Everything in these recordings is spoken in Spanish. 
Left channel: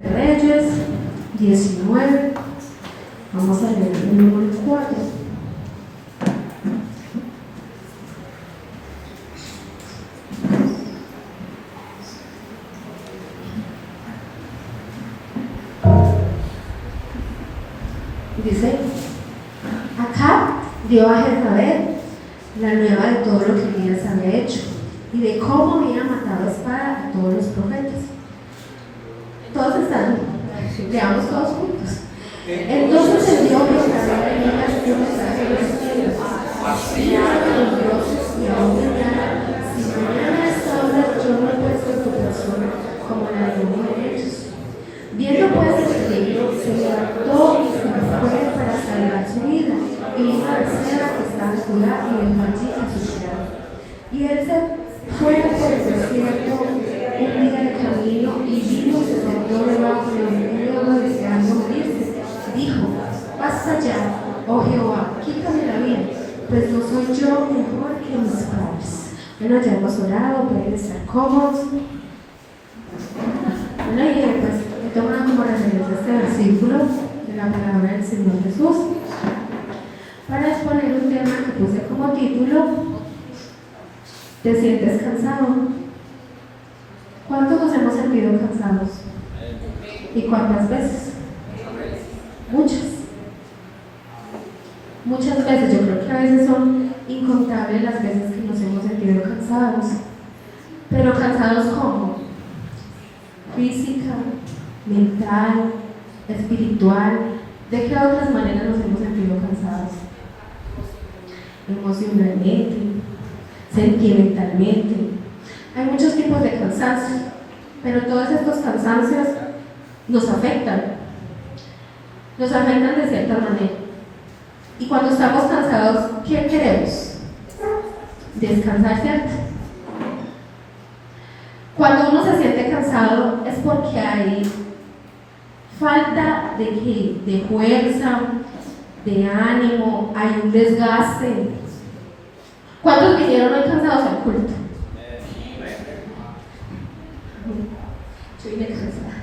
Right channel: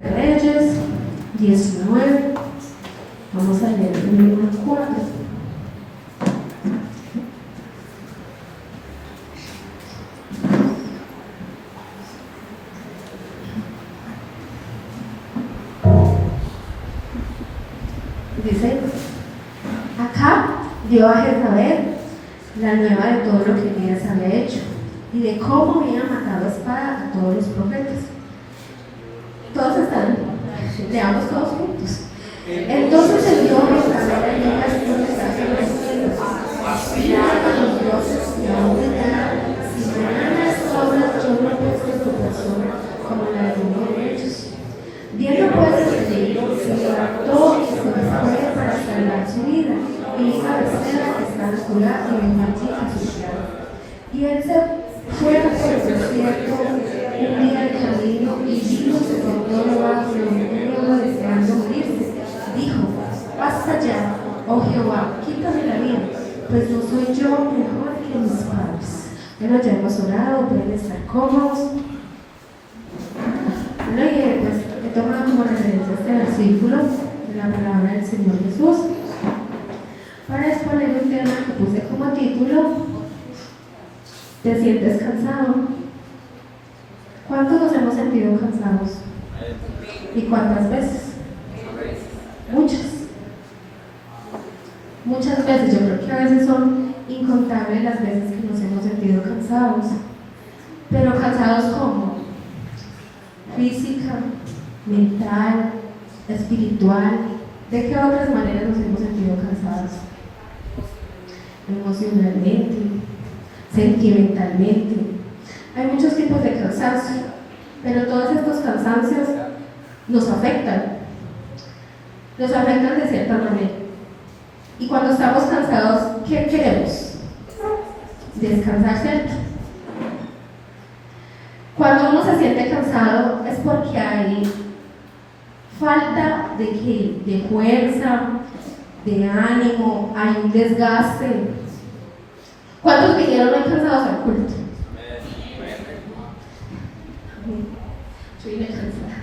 Reyes 19, vamos a leer el número 4. Dice: Acab dio a Jezabel la nueva de todo lo que Elías había hecho y de cómo había matado a espada a todos los profetas. Todos están, leamos todos juntos. Entonces envió a Jezabel a Elías y mensaje a los dioses y a una si mañana a esta hora yo no he puesto tu persona como la de uno de ellos. Viendo pues el peligro, se levantó y se fue para salvar su vida, y vino a Berseba, que está en Judá, y dejó allí a su criado. Y él se fue por el desierto un día de camino, y vino, se sentó debajo de un hierro deseando morirse. Dijo: basta ya, oh Jehová, quítame la vida, pues no soy yo mejor que mis padres. Bueno, ya hemos orado, pueden estar cómodos. Bueno, y pues he tomado como referencia este versículo de la palabra del Señor Jesús para exponer un tema que puse como título: ¿te sientes cansado? ¿Cuántos nos hemos sentido cansados? ¿Y cuántas veces? Muchas. Muchas veces. Yo creo que a veces son incontables las veces que nos hemos sentido cansados. Pero cansados ¿cómo? Física, mental, espiritual. ¿De qué otras maneras nos hemos sentido cansados? Emocionalmente, sentimentalmente. Hay muchos tipos de cansancio, pero todos estos cansancios nos afectan de cierta manera. Y cuando estamos cansados, ¿qué queremos? Descansar, ¿cierto? Cuando uno se siente cansado es porque hay falta de fuerza, de ánimo, hay un desgaste. ¿Cuántos vinieron hoy cansados al culto? Yo vine cansada.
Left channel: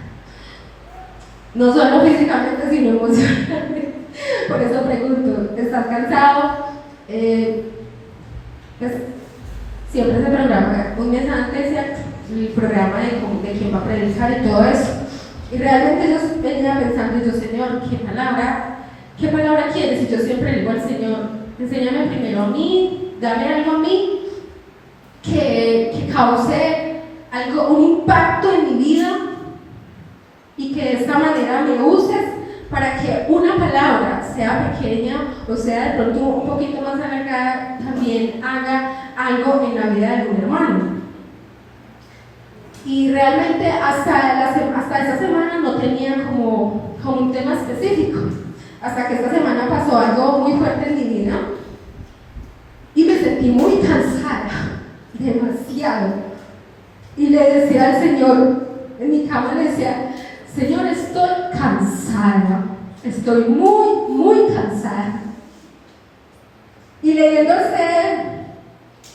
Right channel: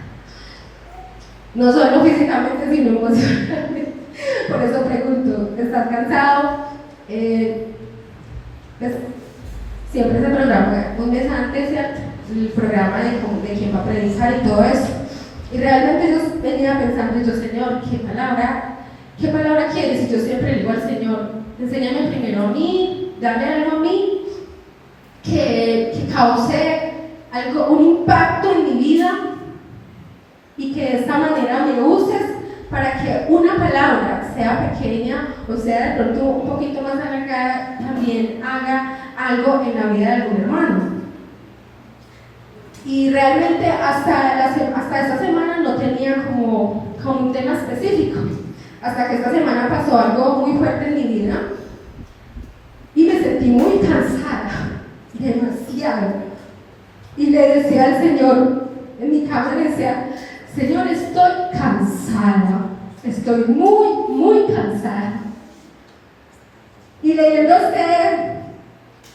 No solo físicamente, sino emocionalmente. Por eso pregunto, ¿estás cansado? Pues, siempre se programa un mes antes, ¿cierto? El programa de quién va a predicar y todo eso. Y realmente yo venía pensando, yo, Señor, ¿qué palabra quieres? Y yo siempre le digo al Señor: enséñame primero a mí, dame algo a mí que cause algo, un impacto en mi vida, y que de esta manera me uses para que una palabra, sea pequeña o sea de pronto un poquito más alargada, también haga algo en la vida de algún hermano. Y realmente hasta esta semana no tenía como un tema específico, hasta que esta semana pasó algo muy fuerte en mi vida y me sentí muy cansada, demasiado. Y le decía al Señor, en mi cama le decía: Señor, estoy cansada, estoy muy, muy cansada. Y leyendo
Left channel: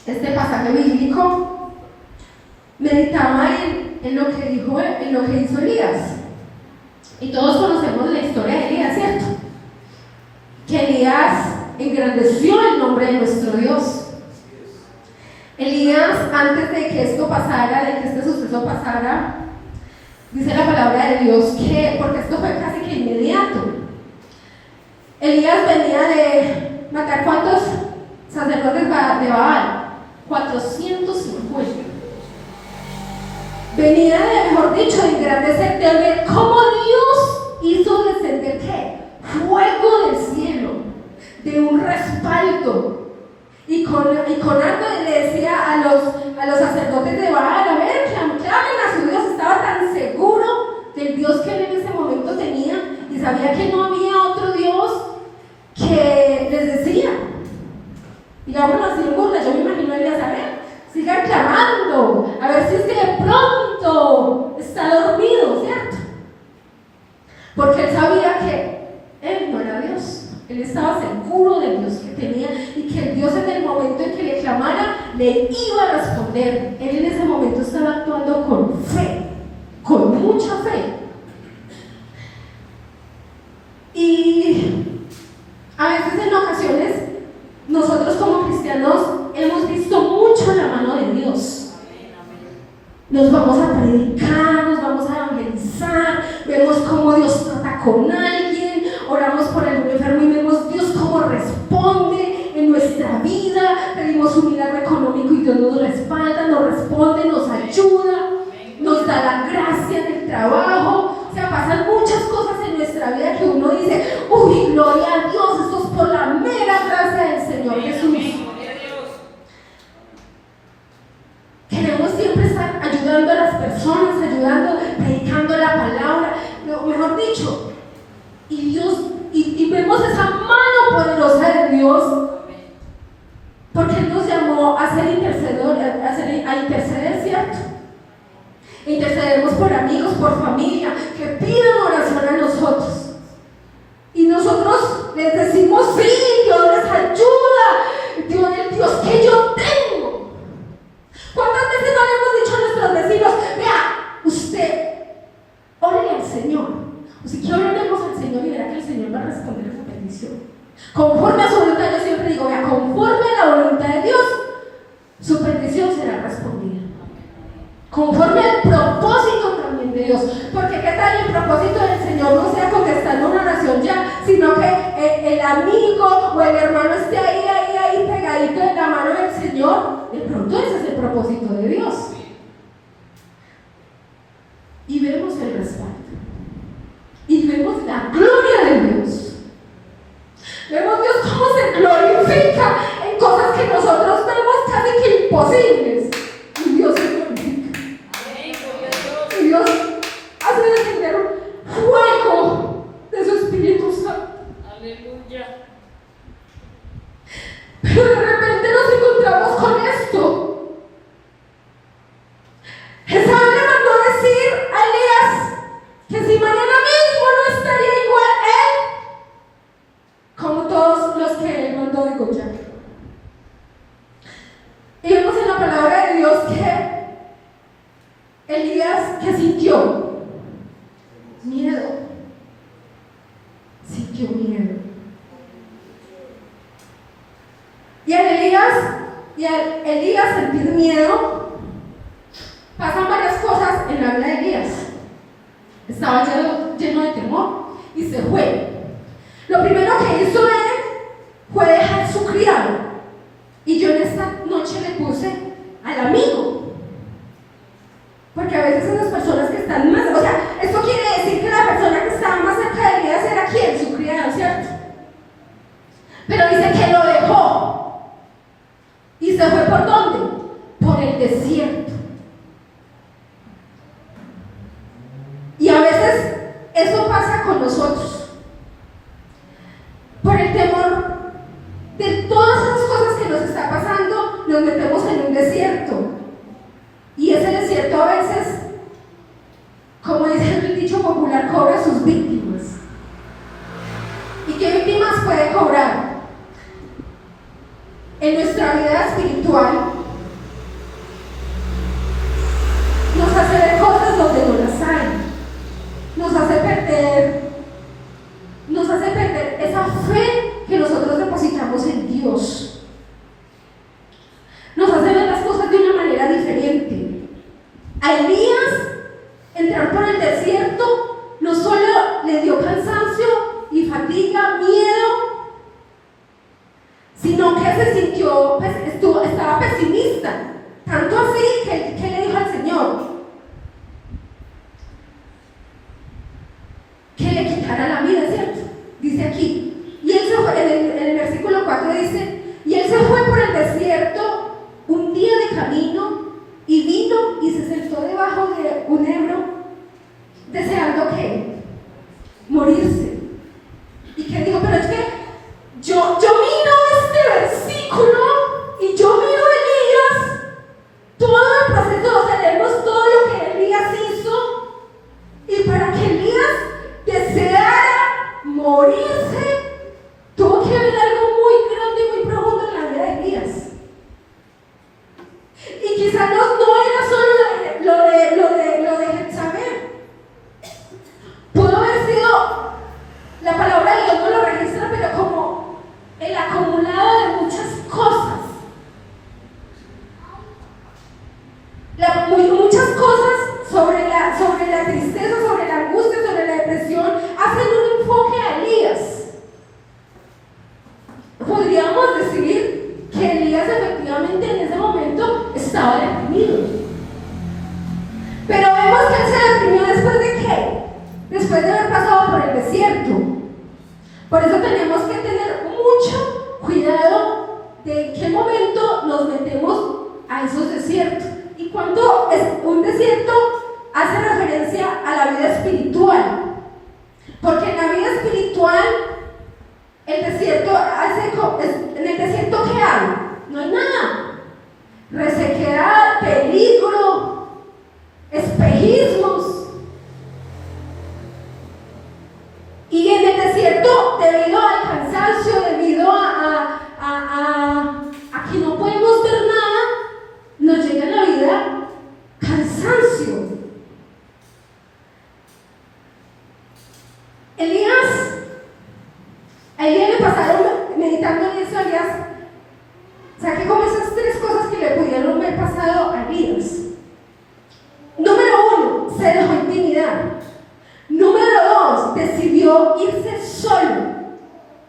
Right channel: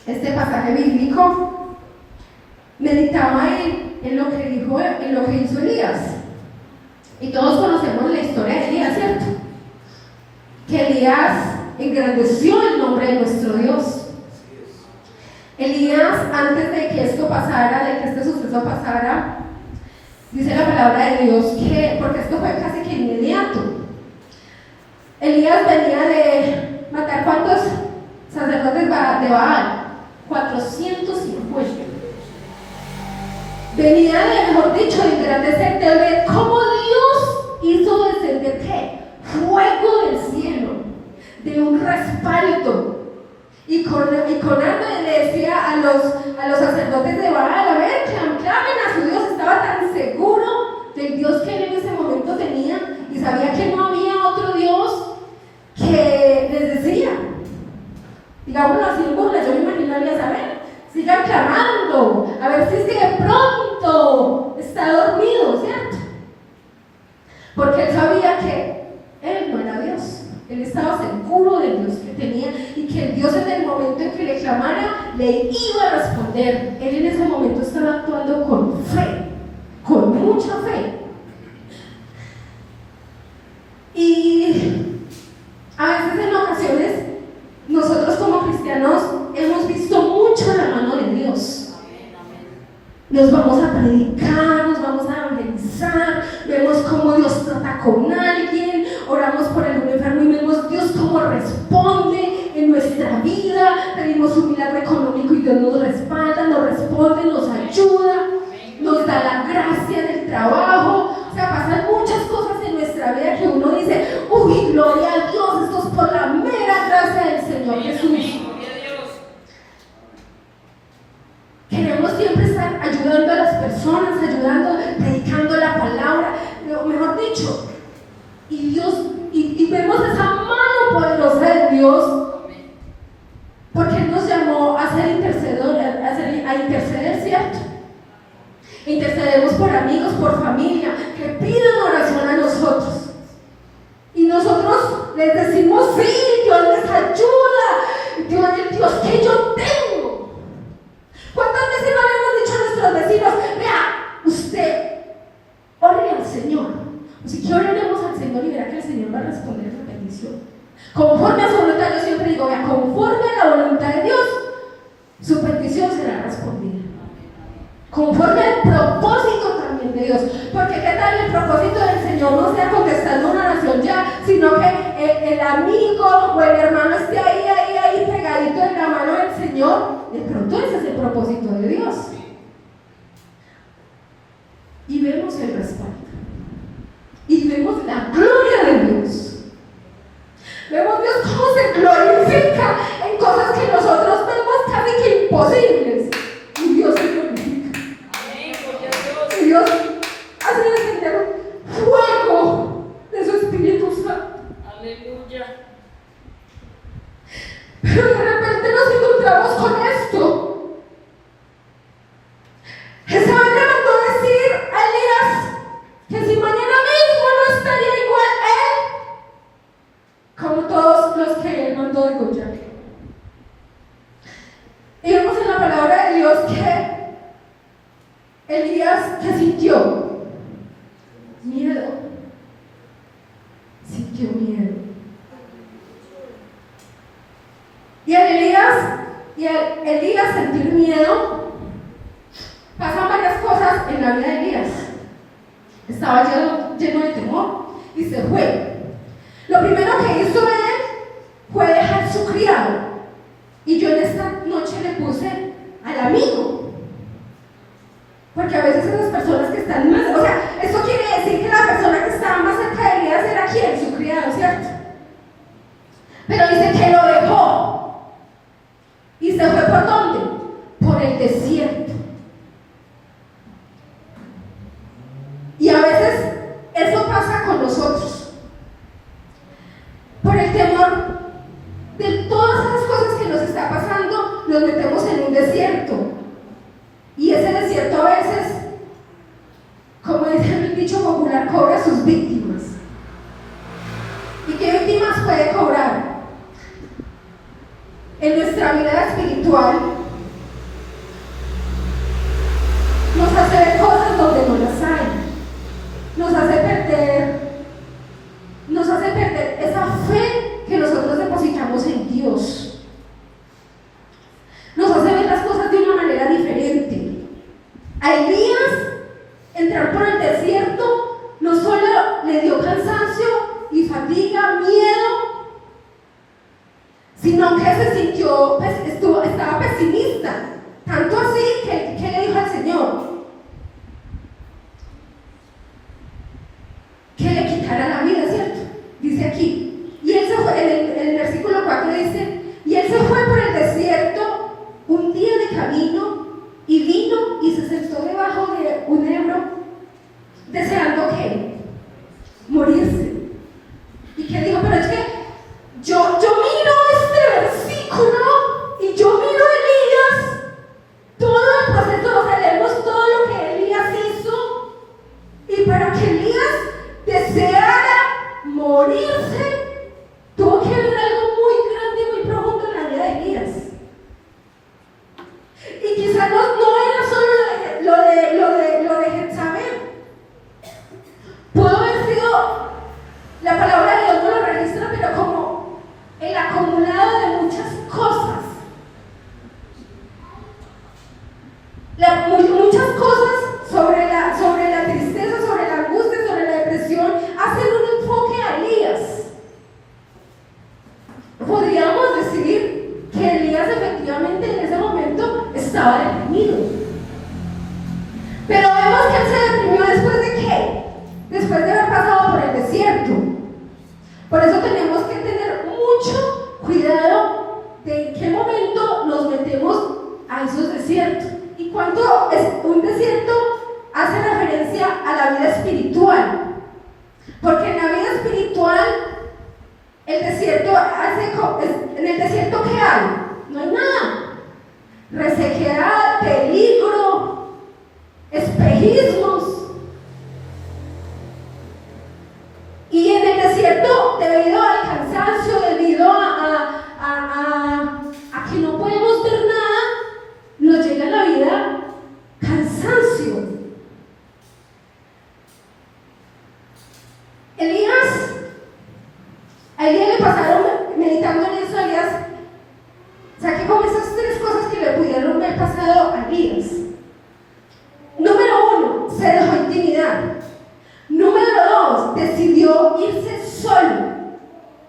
este pasaje bíblico, meditaba en lo que hizo Elías. Y todos conocemos la historia de Elías, ¿cierto? Que Elías engrandeció el nombre de nuestro Dios. Elías, antes de que esto pasara, de que este suceso pasara, dice la palabra de Dios que, porque esto fue casi que inmediato, Elías venía de matar ¿cuántos sacerdotes de Baal? 450. Venía de, mejor dicho, de engrandecer, de ver cómo Dios hizo descender ¿qué? Fuego del cielo, de un respaldo. Y con arma le decía a los sacerdotes de Baal: a ver, clamen a su Dios. Estaba tan seguro del Dios que él en ese momento tenía, y sabía que no había otro Dios, que les decía, digamos así en burla, yo me imaginaría: a ver, sigan clamando, a ver si es que de pronto está dormido, ¿cierto? Porque él sabía que él no era Dios. Él estaba seguro del Dios que tenía, y que el Dios, en el momento en que le clamara, le iba a responder. Él en ese momento estaba actuando con fe, con mucha fe. vemos cómo Dios trata con alguien, oramos por algún enfermo y vemos Dios cómo responde en nuestra vida, pedimos un milagro económico y Dios nos respalda, nos responde, nos ayuda, nos da la gracia del trabajo. O sea, pasan muchas cosas en nuestra vida que uno dice, uy, gloria a Dios, esto es por la mera gracia del Señor Jesús. Queremos siempre estar ayudando a las personas, ayudando, predicando la palabra, mejor dicho, y Dios, y vemos esa mano poderosa de Dios, porque Él nos llamó a ser intercedores, a interceder, ¿cierto? Intercedemos por amigos, por familia, que piden oración a nosotros. Y nosotros les decimos, sí, Dios les ayuda, Dios, el Dios que yo tengo. ¿Cuántas veces no le hemos dicho a nuestros vecinos, vea, usted, órale al Señor? Así que oraremos al Señor y verá que el Señor va a responder esa petición. Conforme a su voluntad, yo siempre digo, vea, conforme a la voluntad de Dios, su petición será respondida. Conforme al propósito también de Dios. Porque qué tal el propósito del Señor no sea contestando una oración ya, sino que el amigo o el hermano esté ahí pegadito en la mano del Señor. De pronto ese es el propósito de Dios. Y vemos el respaldo. Y vemos la gloria de Dios. Vemos Dios cómo se glorifica en cosas que nosotros vemos casi que imposibles. Y Dios se glorifica. Y Dios hace descender fuego de su Espíritu Santo. Aleluya. Pero de repente nos encontramos con esto. Jezabel le mandó decir a Elías que si mañana mismo no estaría igual él como todos los que él mandó degollar. Y vemos en la palabra de Dios que Elías, que sintió miedo, sintió miedo. Y al Elías sentir miedo, pasan varias cosas en la vida de Elías. Estaba lleno de temor y se fue. Lo primero que hizo él fue dejar su criado. Y yo en esta noche le puse al amigo. Porque a veces esas personas que están más, o sea, esto quiere decir que la persona que estaba más cerca de Elías era ¿quién? Su criado, ¿cierto? Pero dice que lo dejó. ¿Y se fue por dónde? Por el desierto. Y a veces eso pasa con nosotros. Por el temor de todas esas cosas que nos está pasando, nos metemos en un desierto. Y ese desierto a veces, como dice el dicho popular, cobra a sus víctimas. ¿Y qué víctimas puede cobrar? En nuestra vida espiritual nos hace ver cosas donde no las hay, nos hace perder esa fe que nosotros depositamos en Dios, nos hace ver las cosas de una manera diferente. A Elías entrar por el desierto no solo le dio cansancio y fatiga, miedo, sino que se sintió, estaba pesimista, tanto así que le dijo al Señor que le quitara la vida, ¿cierto? Dice aquí, y él se fue, en el versículo 4 dice, y él se fue por el desierto un día de camino, y vino y se sentó debajo de un hebro, deseando ¿qué? Morirse. Y que dijo, pero es que yo miro este versículo y yo miro Elías, todo el proceso, o sea, leemos todo lo que Elías hizo, y para que Elías deseara morirse, tuvo que haber algo muy grande y muy profundo en la vida de Elías. Y quizás no era solo lo de Jezabel. Pudo haber sido, la palabra de Dios no lo registra, pero como el acumulado de muchas cosas. Muchas cosas sobre la tristeza, sobre la angustia, sobre pasado por el desierto. Por eso tenemos que tener mucho cuidado de en qué momento nos metemos a esos desiertos. Y cuando es un desierto, hace referencia a la vida espiritual. Porque en la vida espiritual, el desierto en el desierto, ¿qué hay? No hay nada. Resequedad, peligro, espejismos. Y en el desierto, debido al cansancio, debido a que no podemos ver nada, nos llega en la vida cansancio. A Elías le pasaron meditando en eso. Elías saqué como esas tres cosas que le pudieron haber pasado a Elías. Número 1, se dejó intimidar. Número 2, decidió irse solo.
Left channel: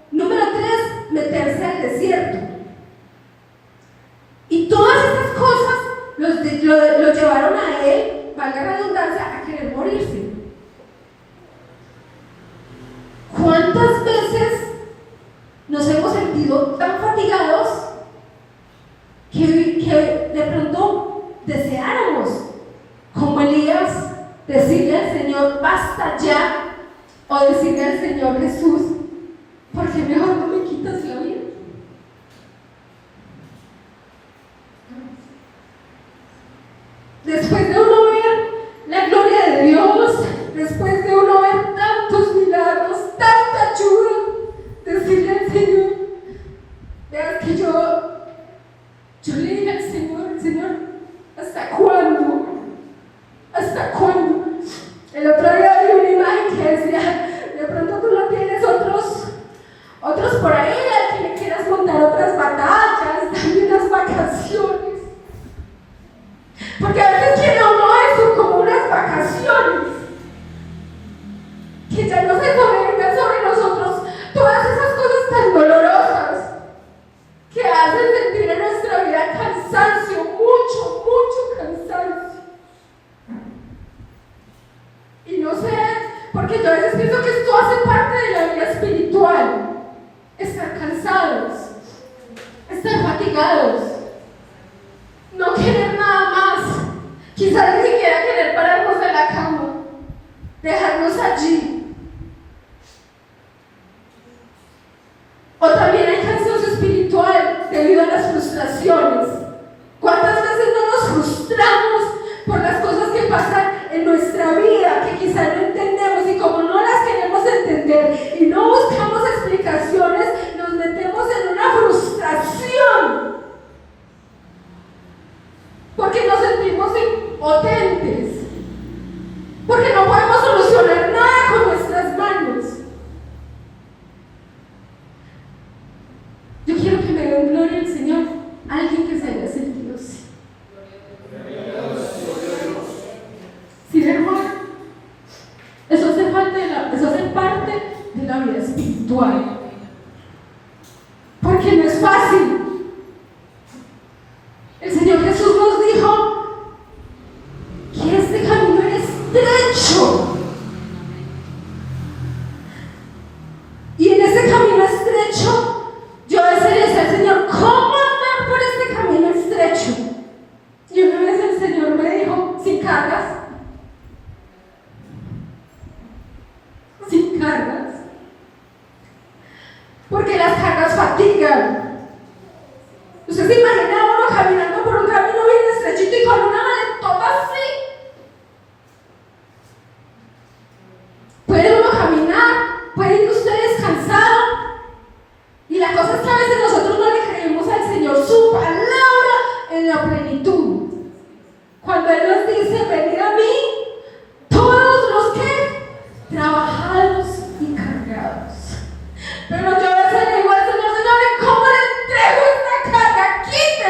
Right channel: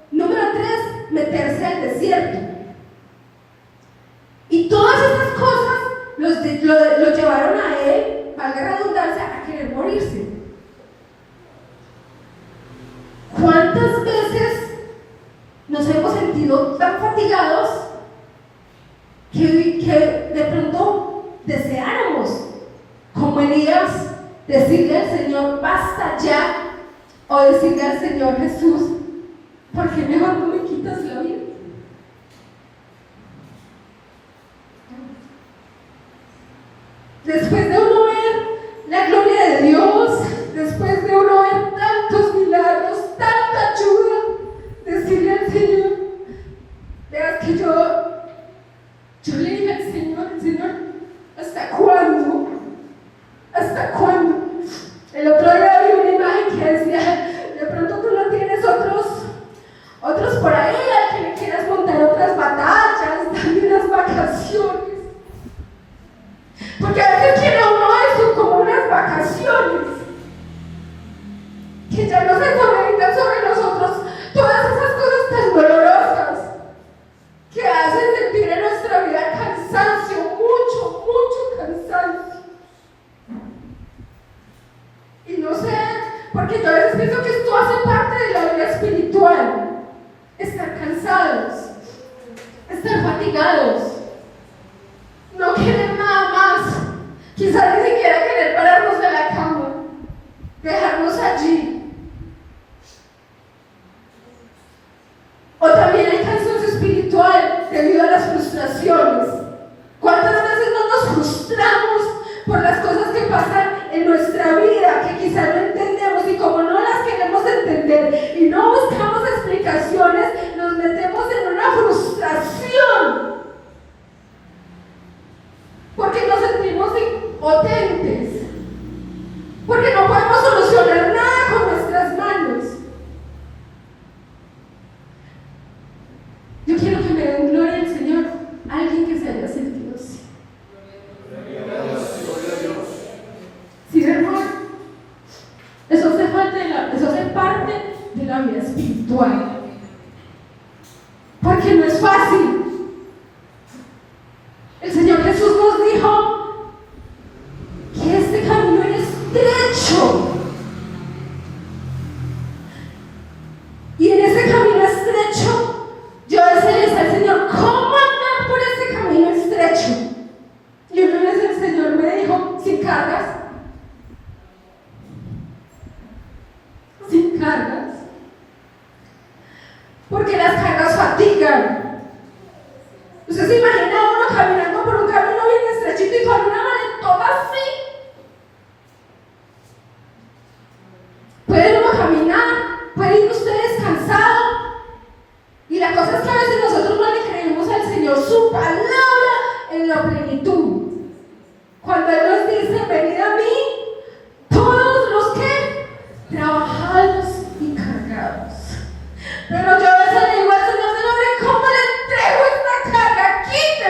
Número 3, meterse al desierto. Y todas estas cosas lo llevaron a él, valga la redundancia, a querer morirse. ¿Cuántas veces nos hemos sentido tan fatigados que de pronto deseáramos, como Elías, decirle al Señor, basta ya, o decirle al Señor Jesús, ¿por qué mejor no me quitas la vida? Después de uno ver la gloria de Dios, después de uno ver tantos milagros, tanta ayuda, decirle al Señor, veas que yo le dije al Señor, ¿hasta cuándo? ¿Hasta cuándo? El otro día vi una imagen que decía, de pronto tú no tienes otros por ahí al que le quieras montar otras batallas, dame unas vacaciones. Porque a veces quiere uno eso como unas vacaciones, que ya no se sobreviven sobre nosotros todas esas cosas tan dolorosas que hacen sentir en nuestra vida cansancio, mucho cansancio. Y no sé, porque yo a veces pienso que esto hace parte de la vida espiritual, estar cansados, estar fatigados, no querer nada más, quizás ni siquiera querer pararnos de la cama, dejarnos allí. O también hay cansancio espiritual debido a las frustraciones. ¿Cuántas veces no nos frustramos por las cosas que pasan en nuestra vida, que quizás no entendemos, y como no las queremos entender y no buscamos explicaciones, nos metemos en una frustración? Porque nos sentimos impotentes, porque no podemos solucionar nada con nuestras manos. Yo quiero que me den gloria al Señor, alguien que se haya sentido así. ¿Sí, hermano? Eso hace parte de la vida espiritual, porque no es fácil. El Señor Jesús nos dijo que este camino era estrecho, y en ese camino estrecho yo a veces le decía al Señor, ¿cómo andar por este camino estrecho? Y una vez el Señor me dijo, sin cargas, porque las cargas fatigan. Usted se imagina a uno caminando por un camino bien estrechito y con una maletota así. Puede uno caminar, puede ir usted descansado. Y la cosa es que a veces nosotros no le creemos al Señor su palabra en la plenitud. Cuando Él nos dice, venid a mí, todos los que trabajados y cargados. Pero yo a veces le digo al Señor, ¿cómo le entrego esta carga? Quítela.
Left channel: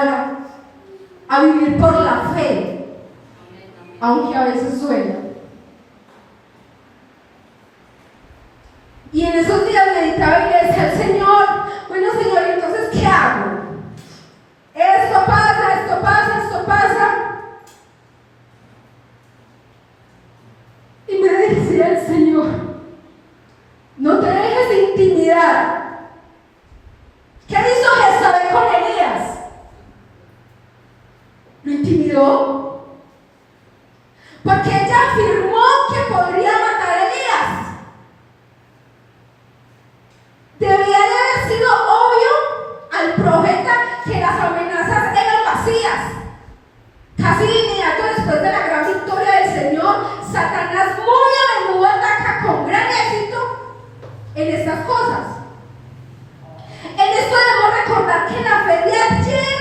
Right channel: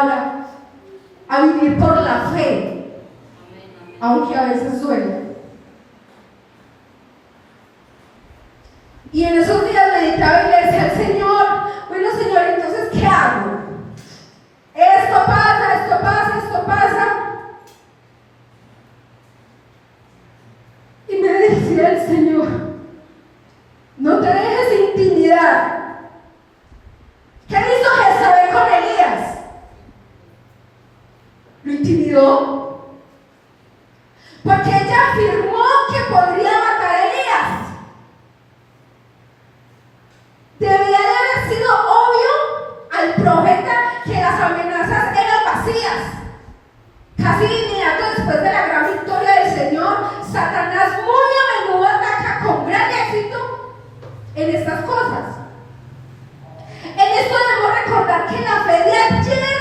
palabra, a vivir por la fe, aunque a veces duela. Y en esos días meditaba y le decía al Señor, bueno Señor, entonces ¿qué hago? Esto pasa, esto pasa, esto pasa. Y me decía el Señor, no te dejes intimidar. ¿Qué hizo Jezabel con Elías? Lo intimidó. Porque ella afirmó que podría matar a Elías. Debía de haber sido obvio al profeta que las amenazas eran vacías. Casi de inmediato después de la gran victoria del Señor, Satanás muy a menudo ataca con gran éxito en estas cosas. En esto debemos recordar que la fe de ayer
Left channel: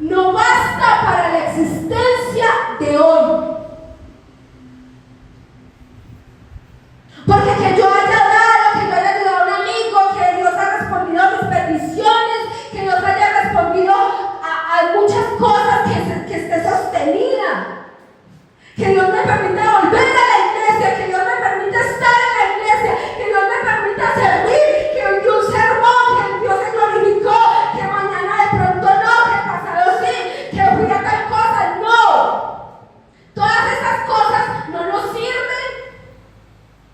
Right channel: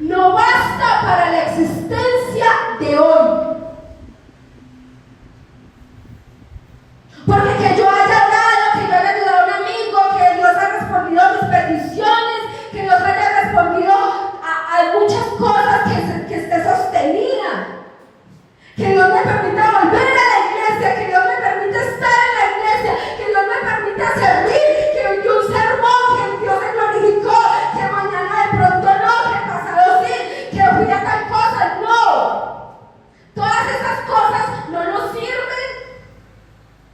no basta para la existencia de hoy. Porque que yo haya orado, que yo haya ayudado a un amigo, que Dios haya respondido a mis peticiones, que Dios haya respondido a muchas cosas que esté sostenida, que Dios me permita volver a la iglesia, que Dios me permita estar en la iglesia, que Dios me permita servir, que dio un sermón, que Dios se glorificó, que mañana de pronto no, que pasado sí, que fui a tal cosa, no. Todas esas cosas no nos sirven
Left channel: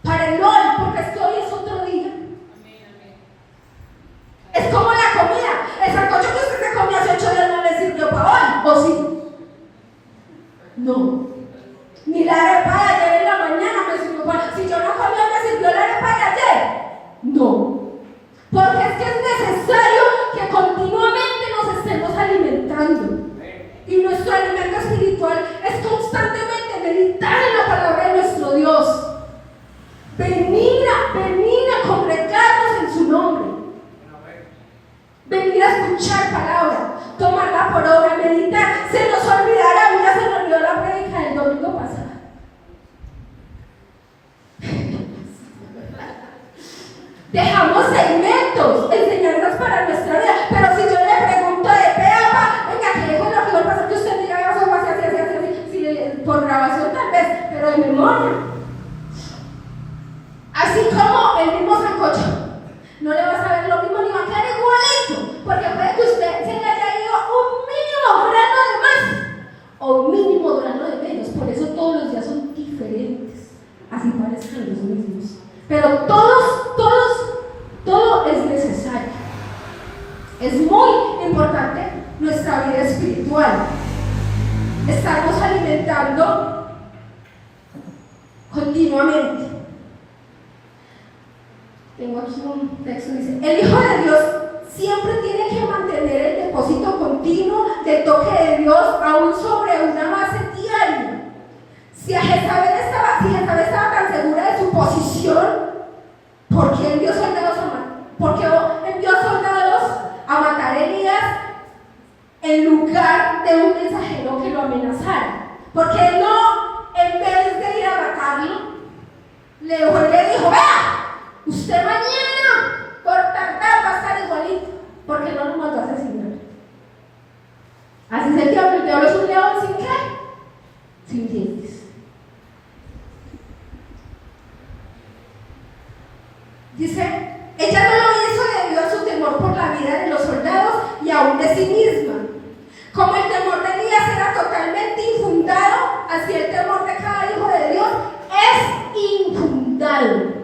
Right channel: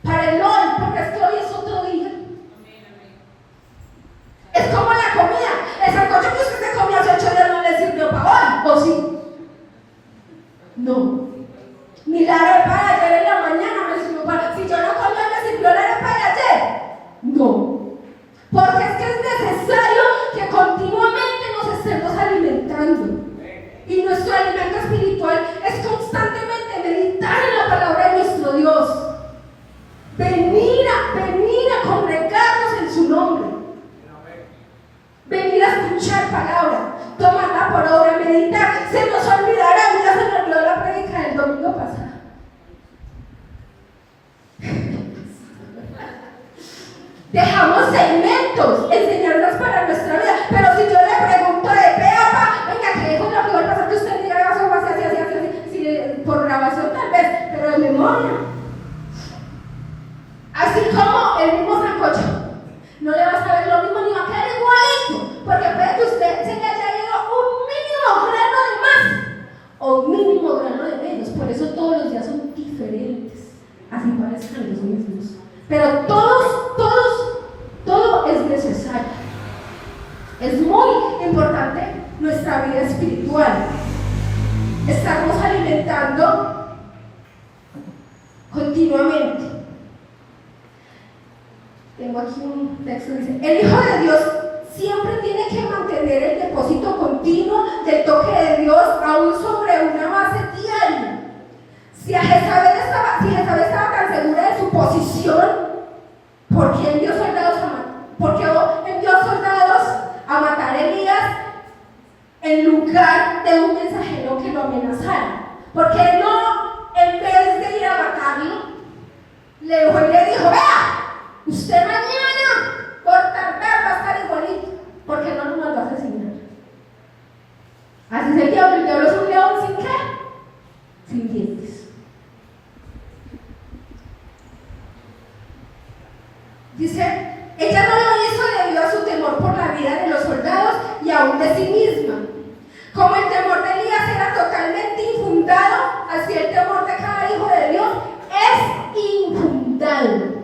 para el hoy, porque es que hoy es otro día. Es como la comida. El sancocho que usted se comió hace 8 días no le sirvió para hoy, ¿o sí? No. Ni la arepa de ayer en la mañana me sirvió para... Si yo no comí, ¿me sirvió la arepa de ayer? No. Porque es que es necesario que continuamente nos estemos alimentando. Y nuestro alimento espiritual es constantemente meditar en la palabra de nuestro Dios. Venir a congregarnos en su nombre. Venir a escuchar palabra, tomarla por obra, meditar. Se nos olvidará, mira, se nos olvidó la prédica del domingo pasado. Dejamos segmentos, enseñanzas para nuestra vida. Pero si yo le pregunto de peapa, venga, ¿qué dijo lo que va a pasar? Que usted diga eso así, por grabación tal vez, pero de memoria. Así como el mismo sancocho, no le va a saber lo mismo ni va a quedar igualito, porque puede que usted se le haya ido un mínimo grano de más o un mínimo grano de menos. Por eso todos los días son diferentes, así parezcan los mismos. Pero todo es necesario. Es muy importante nuestra vida espiritual. Estarnos alimentando continuamente. Tengo aquí un texto que dice: el Hijo de Dios siempre tiene que mantener el depósito continuo del toque de Dios aún sobre una base diaria. Si Jezabel estaba tan segura de su posición, ¿por qué envió soldados a matar a Elías en lugar de un mensajero que lo amenazara? Porque él no, en vez de ir a matarlo, le dijo: vea, usted mañana por tardar va a estar igualito, porque no lo mandó a asesinar. Así es el diablo es un león sin qué, sin dientes. Dice, ella no lo hizo debido a su temor por la vida de los soldados y aún de sí misma. Como el temor de Elías era totalmente infundado, así el temor de cada hijo de Dios es infundado.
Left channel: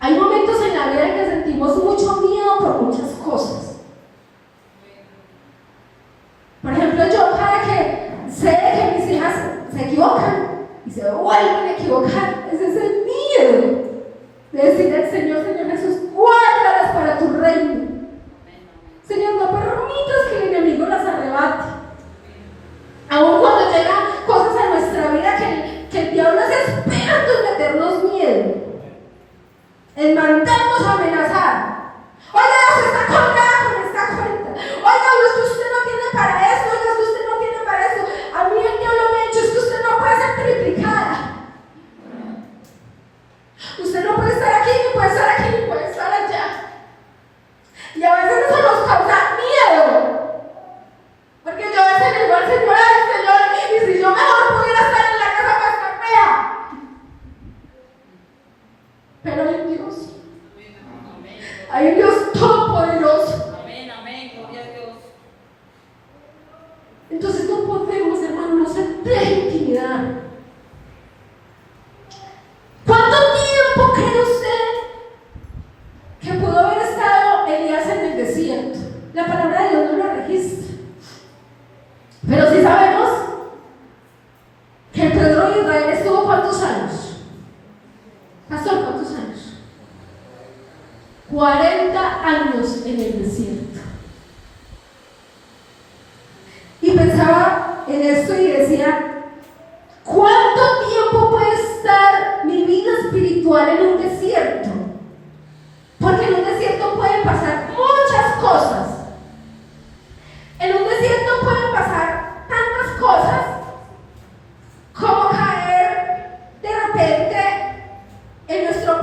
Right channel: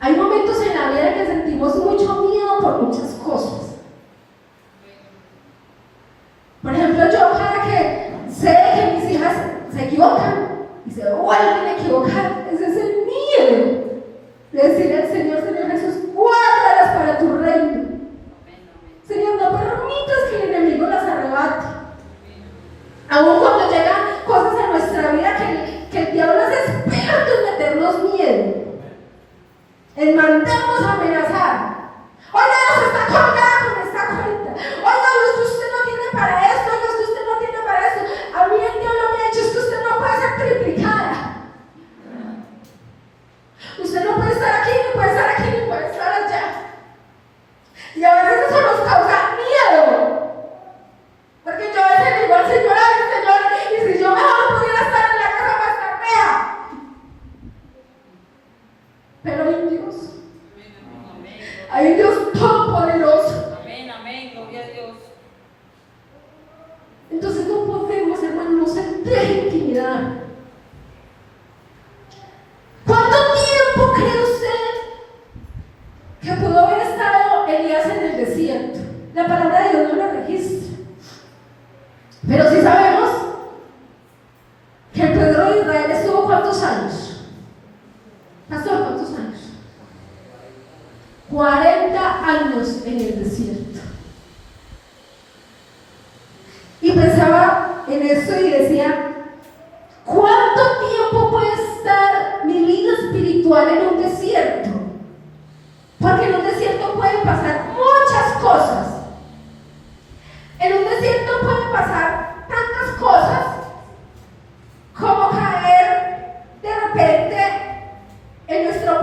Hay momentos en la vida en que sentimos mucho miedo por muchas cosas. Por ejemplo, yo cada que sé que mis hijas se equivocan y se vuelven a equivocar, ese es el miedo de decirle al Señor: Señor Jesús, guárdalas para tu reino. Señor, no permitas que el enemigo las arrebate. Aún cuando llegan cosas a nuestra vida que el diablo es experto en meternos miedo, en mandarnos a amenazar. Oiga, usted está colgada con esta cuenta. Oiga, usted no tiene para esto. Oiga, usted no tiene para esto. A mí el diablo me ha dicho: es que usted no puede ser triplicada. Usted no puede estar aquí, ni puede estar aquí, ni puede estar allá. Y a veces eso nos causa miedo. pero hay un Dios. Hay un Dios todopoderoso. Amén, amén, gloria a Dios. Entonces no podemos, hermanos, no sentir intimidad. ¿Cuánto tiempo cree usted que pudo haber estado Elías en el desierto? La palabra de Dios no lo registra. Pero sí sabemos que el pueblo de Israel estuvo ¿cuántos años? Pastor, ¿cuántos años? 40 años en el desierto. Y pensaba en esto y decía, ¿cuánto tiempo puede estar mi vida espiritual en un desierto? Porque en un desierto pueden pasar muchas cosas. En un desierto pueden pasar tantas cosas como caer de repente en nuestro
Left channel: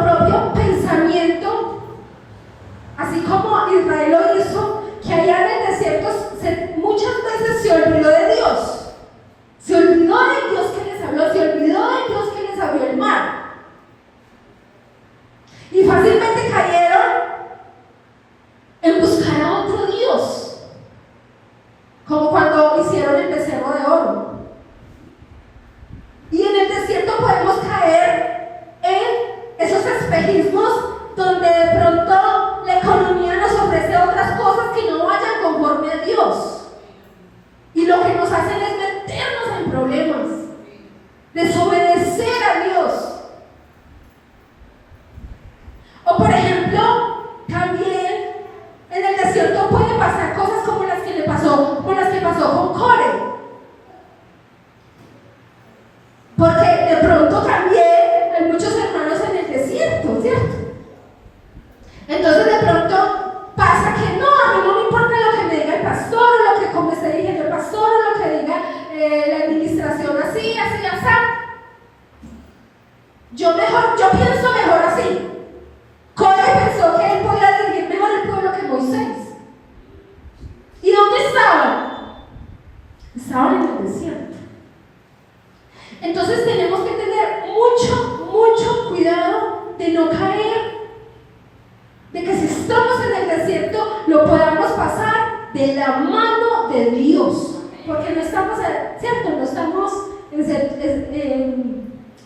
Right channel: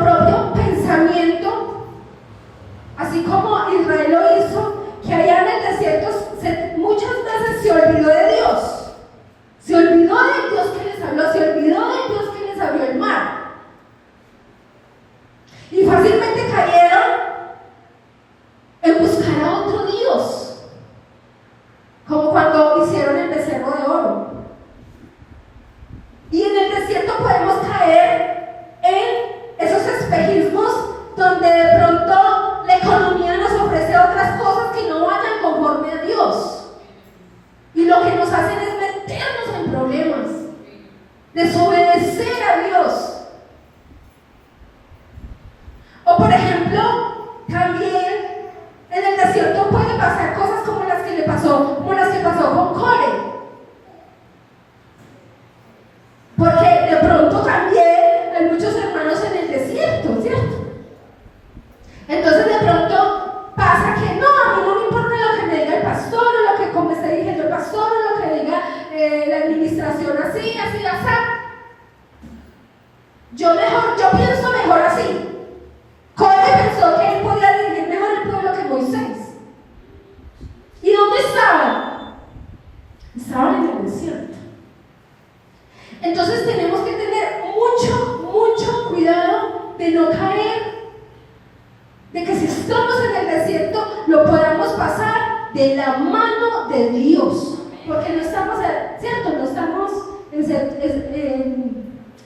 propio pensamiento, así como Israel lo hizo, que allá en el desierto muchas veces se olvidó de Dios. Se olvidó del Dios que les habló, se olvidó del Dios que les abrió el mar. Y fácilmente cayeron en buscar a otro Dios, como cuando hicieron el becerro de oro. Y en el desierto podemos caer en esos espejismos donde de pronto la economía nos ofrece otras cosas que no vayan conforme a Dios. Y lo que nos hacen es meternos en problemas, desobedecer a Dios. O por ejemplo, también en el desierto puede pasar cosas como las que pasó con Core. Porque de pronto también hay muchos hermanos en el desierto, ¿cierto? Entonces de pronto pasa que no, a mí no me importa lo que me diga el pastor, o lo que como esté diciendo el pastor, o lo que diga la administración así. Yo pienso mejor así. Core pensó que él podía dirigir mejor el pueblo que Moisés. ¿Y dónde estaban? Estaban en el desierto. Entonces tenemos que tener mucho cuidado de no caer, de que si estamos en el desierto lo podamos pasar de la mano de Dios, porque no estamos, ¿cierto? No estamos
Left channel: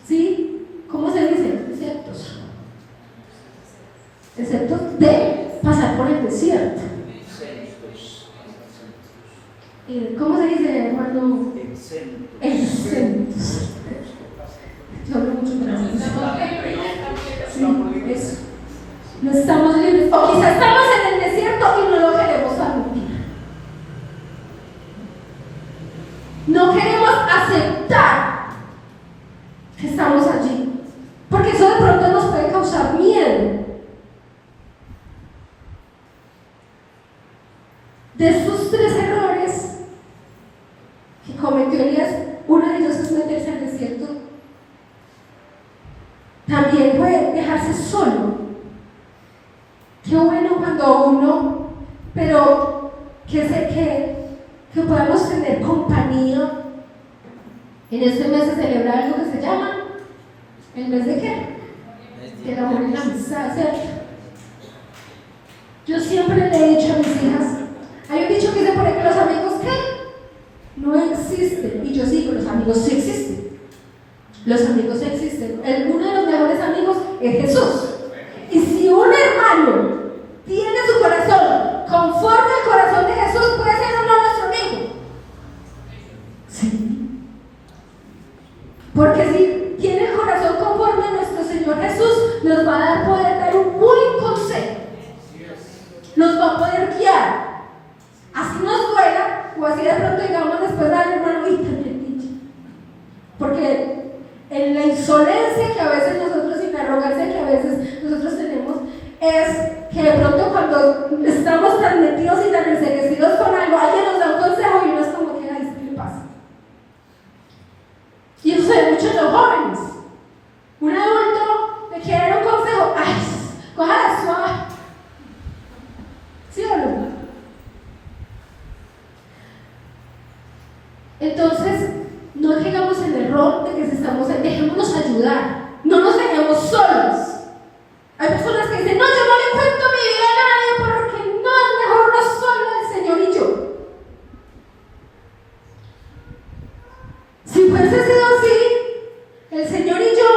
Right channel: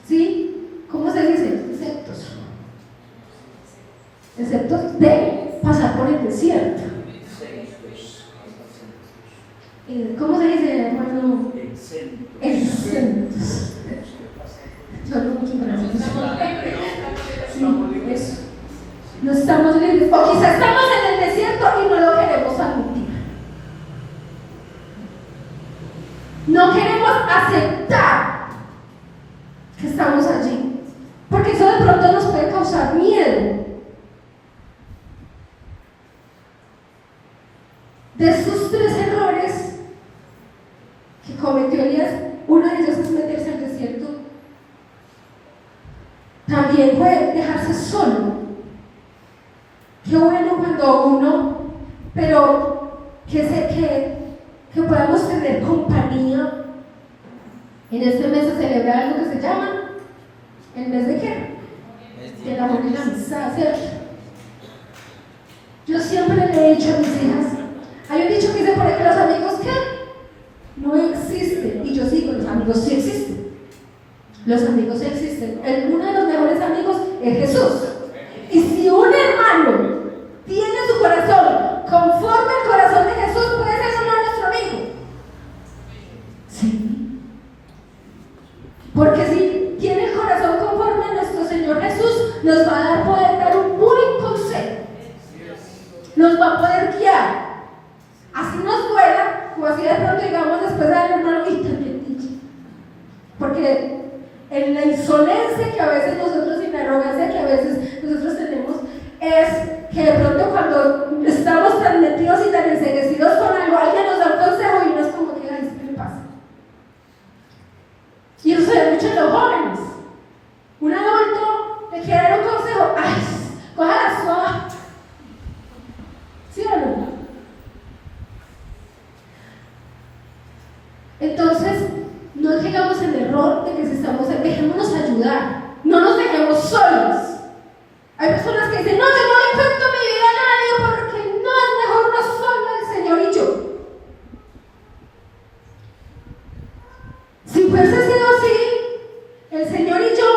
¿sí? ¿Cómo se dice? Exceptos de pasar por el desierto. ¿Cómo se dice, hermano? Exentos. Yo hablo mucho para eso. Sí, eso. No estamos libres. O quizás estamos en el desierto y no lo queremos admitir. No queremos aceptar que estamos allí, porque eso de pronto nos puede causar miedo. De estos 3 errores que cometió Elías, uno de ellos es meterse al desierto. También puede dejarse solo. Qué bueno cuando uno, pero que podamos tener compañía. En este mes se celebra algo que se llama ¿el mes de qué? De la amor y la amistad, ¿cierto? Yo siempre le he dicho a mis hijas, hay un dicho que dice por ahí que los amigos ¿qué? No existen. Y yo sigo, los amigos sí existen. Los amigos sí existen. Uno de los mejores amigos es Jesús. Y si un hermano tiene su corazón conforme al corazón de Jesús, puede ser o no nuestro amigo. Sí. Porque si tiene el corazón conforme a nuestro Señor Jesús, nos va a poder dar un buen consejo. Nos va a poder guiar. Así nos duela, o así de pronto digamos después al hermano, y también dicho. Porque en la insolencia que a veces nosotros y la arrogancia que a veces nosotros tenemos, es que de pronto cuando estamos tan metidos y tan enseguecidos con algo, alguien nos da un consejo y uno es como que, ay, ¿qué le pasa? Y eso se ve mucho en los jóvenes. Un adulto me quiere dar un consejo, ay, cójala suave. ¿Sí o no? Entonces, no caigamos en el error de que si estamos en ayudar. No nos dejemos solos. Hay personas que dicen, no, yo no le cuento mi vida a nadie porque no, es mejor no solo el Señor y yo. Si fuese sido así, el Señor y yo,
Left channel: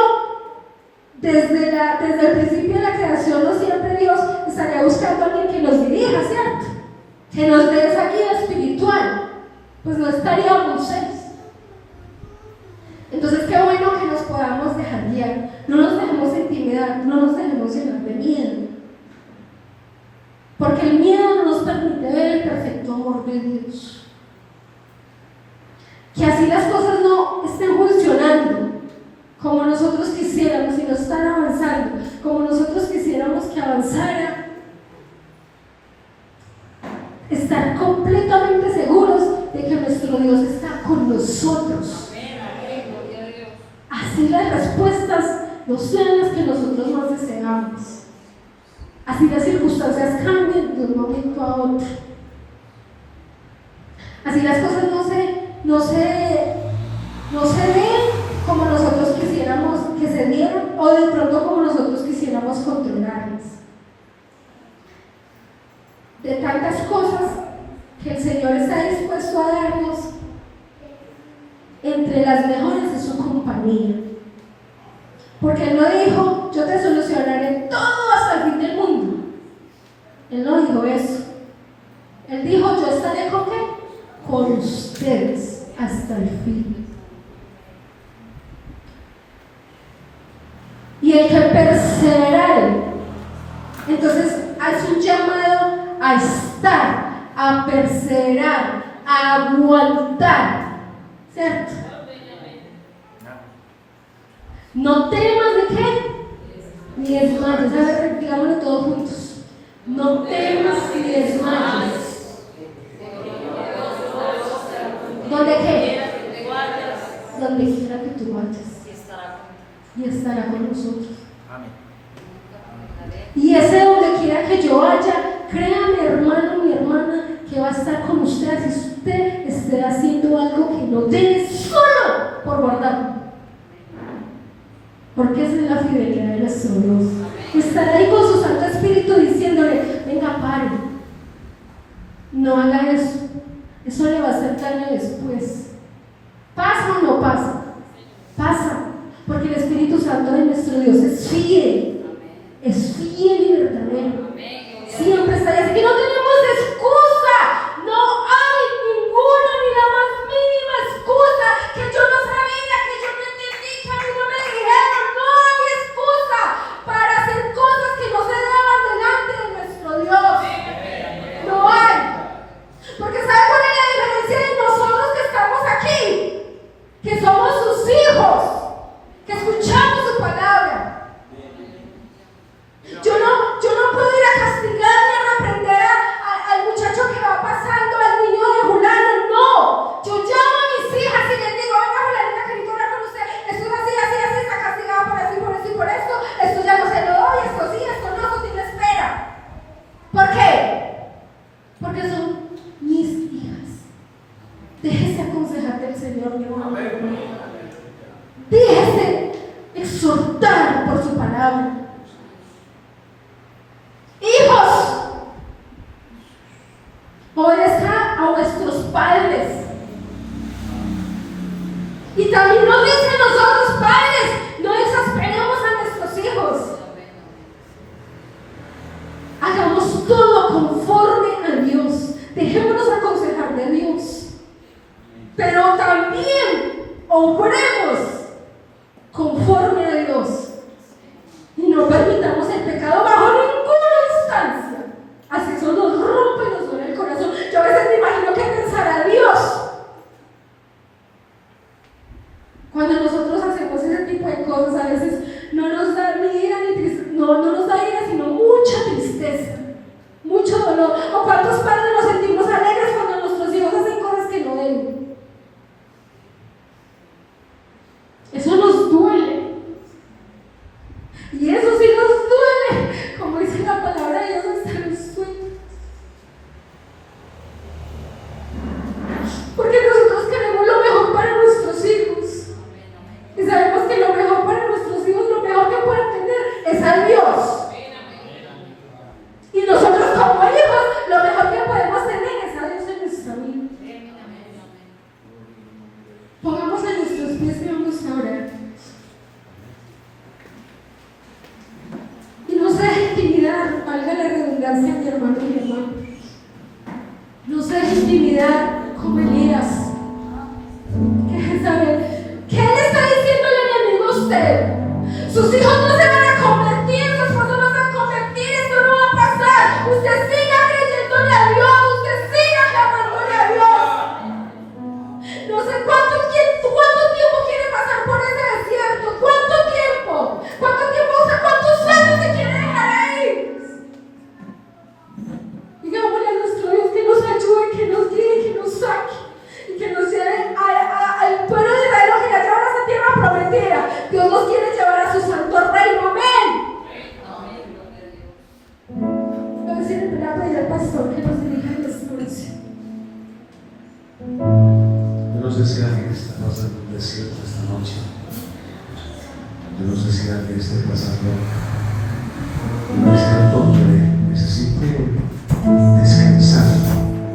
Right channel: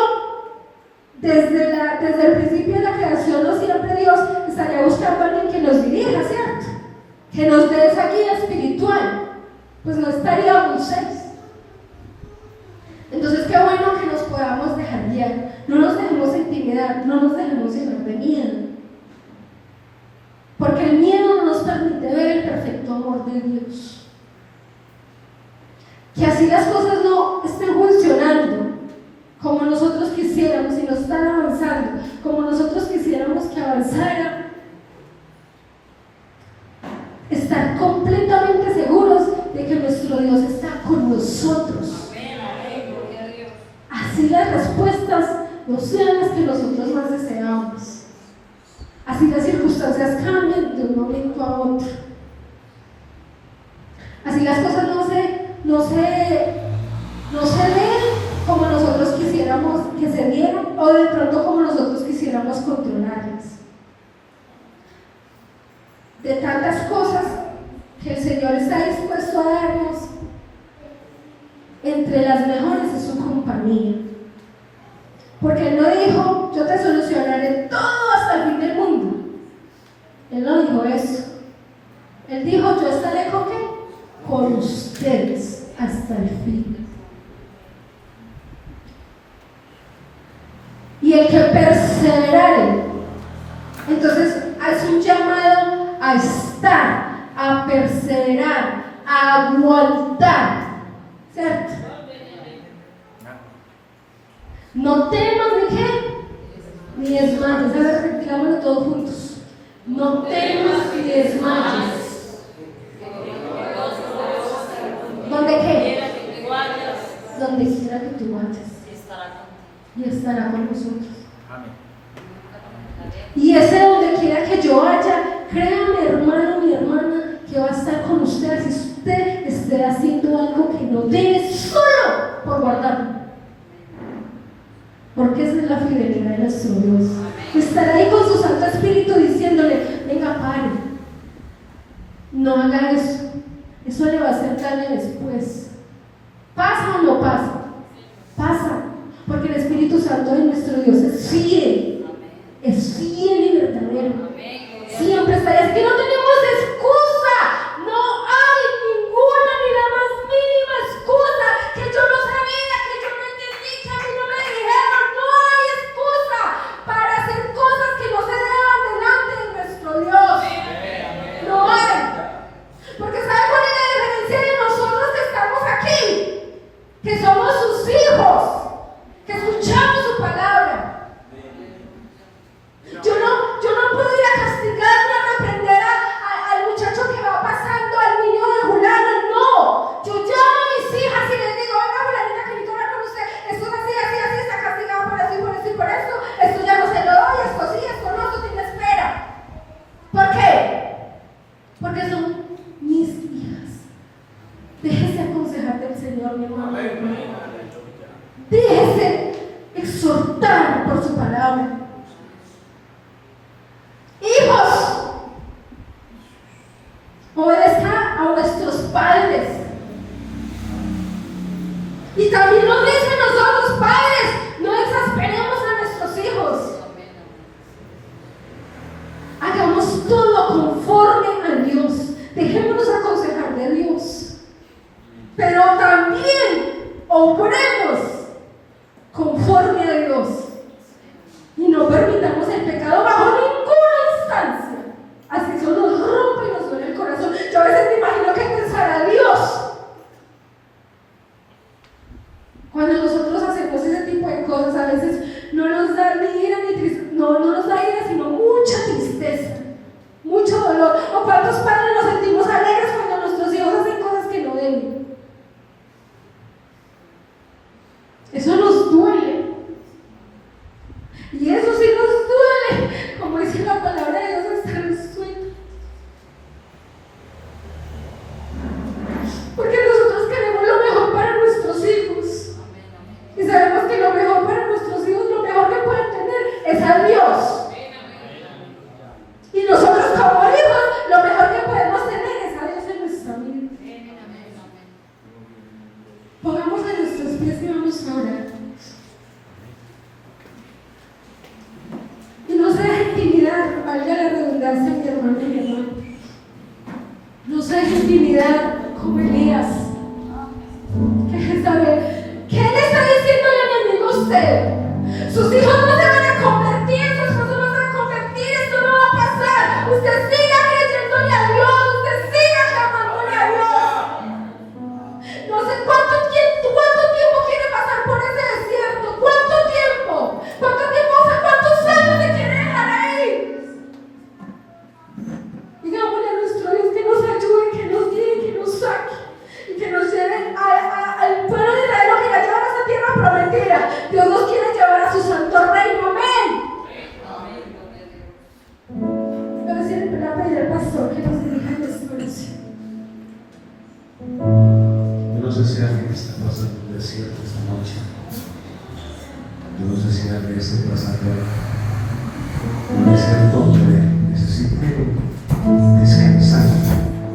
desde el principio de la creación, no siempre Dios estaría buscando a alguien que nos dirija, ¿cierto? Que nos dé esa guía espiritual. Pues no estaríamos seis. Entonces, qué bueno que nos podamos dejar guiar. No nos dejemos intimidar, no nos dejemos llenar de miedo. Porque el miedo no nos permite ver el perfecto amor de Dios. Que así las cosas no estén funcionando como nosotros quisiéramos y no están avanzando como nosotros quisiéramos que avanzara. Estar completamente seguros de que nuestro Dios está con nosotros. Así las respuestas no sean las que nosotros más deseamos. Así las circunstancias cambien de un momento a otro. Así las cosas no se den como nosotros quisiéramos que se dieran, o de pronto como nosotros quisiéramos controlarlas. De tantas cosas que el Señor está dispuesto a darnos, entre las mejores es su compañía. Porque Él no dijo, yo te solucionaré todo hasta el fin del mundo. Él no dijo eso. Él dijo, yo estaré con qué? Con ustedes hasta el fin. Y el que perseverare, entonces es un llamado a estar, a perseverar, a aguantar, ¿cierto? No temas de qué, ni desmayes. Digámoslo todos juntos. No temas ni desmayes. ¿Dónde qué? Donde quiera que tú vayas. Y estará con nosotros. Amén. Y ese donde quiera que yo vaya, créame, hermano, mi hermana, que va a estar con usted si usted esté haciendo algo que no debe solo por guardarlo. Porque esa es la fidelidad de nuestro Dios. Estar ahí con su Santo Espíritu diciéndole, venga, pare, no haga eso, eso le va a hacer daño después. ¿Pasa o no pasa? Pasa, porque el Espíritu Santo de nuestro Dios es fiel, es fiel y verdadero. Siempre está ahí, es que no tenemos excusa, no hay ninguna ni la más mínima excusa, que yo no sabía, que yo no entendí, que a mí no me dijeron. No hay excusa para hacer cosas que no se deban delante de nuestro Dios. No hay. Porque ¿sabe cuál es la diferencia de nosotros que estamos aquí? Que somos sus hijos, que escuchamos su palabra. Yo no puedo ir a castigar ni a reprender al muchacho que va pasando, al niño de Julana, no. Yo llamo a mis hijas y les digo, venga Julanita, que necesito hablar con usted, esto es así, así, así, está castigado por eso y por eso y por esto, esto ya no se lo doy, esto sí, esto no, esto tiene espera. ¿Por qué? Porque son mis hijas. Déjese aconsejar del Señor, mi hermano. Déjese exhortar por su palabra. Hijos, obedezcan a nuestros padres. Y también nos dice a nosotros, padres, no exasperemos a nuestros hijos. Hagamos todo conforme a Dios. Dejémonos aconsejar de Dios. Pero también obremos conforme a Dios. Y no permitamos el pecado bajo ninguna instancia. Así eso nos rompe y nos duele el corazón. Yo a veces me imagino que pensará Dios cuando nosotros hacemos ese tipo de cosas. A veces no nos da ni ira ni tristeza, no nos da ira, sino mucha tristeza, mucho dolor. O cuántos padres nos sentimos alegres cuando nuestros hijos hacen cosas que no deben. Eso nos duele. Y eso sí nos duele, como dice la palabra de Dios, hasta los sueños. Porque nosotros queremos lo mejor para nuestros hijos. Y sabemos que lo mejor para nuestros vengarse, mi hermano y mi hermana. No se deje intimidar como Elías. ¿Qué le está diciendo el enemigo a usted? Sus hijos no se van a convertir, su esposo no se va a convertir, esto no va a pasar. Usted siga creyéndole a Dios, usted siga clamándole a Dios. No sé cuánto tiempo quiere pasar por ese desierto, cuánto tiempo, o sea, cuántos años se quiere dejar ahí. Digámosle a nuestro Dios que nos ayude, que nos guíe, que nos saque y que nos lleve al pueblo de Israel, que la llevan a esa tierra prometida. Dios nos quiere llevar a su santo reino. Amén. Voy a decir el pedir al pastor que nos dirija en esta oración. Yo no sé si alguien está pasando un desierto esta noche. Yo no sé si alguien esté pasando un desierto donde necesite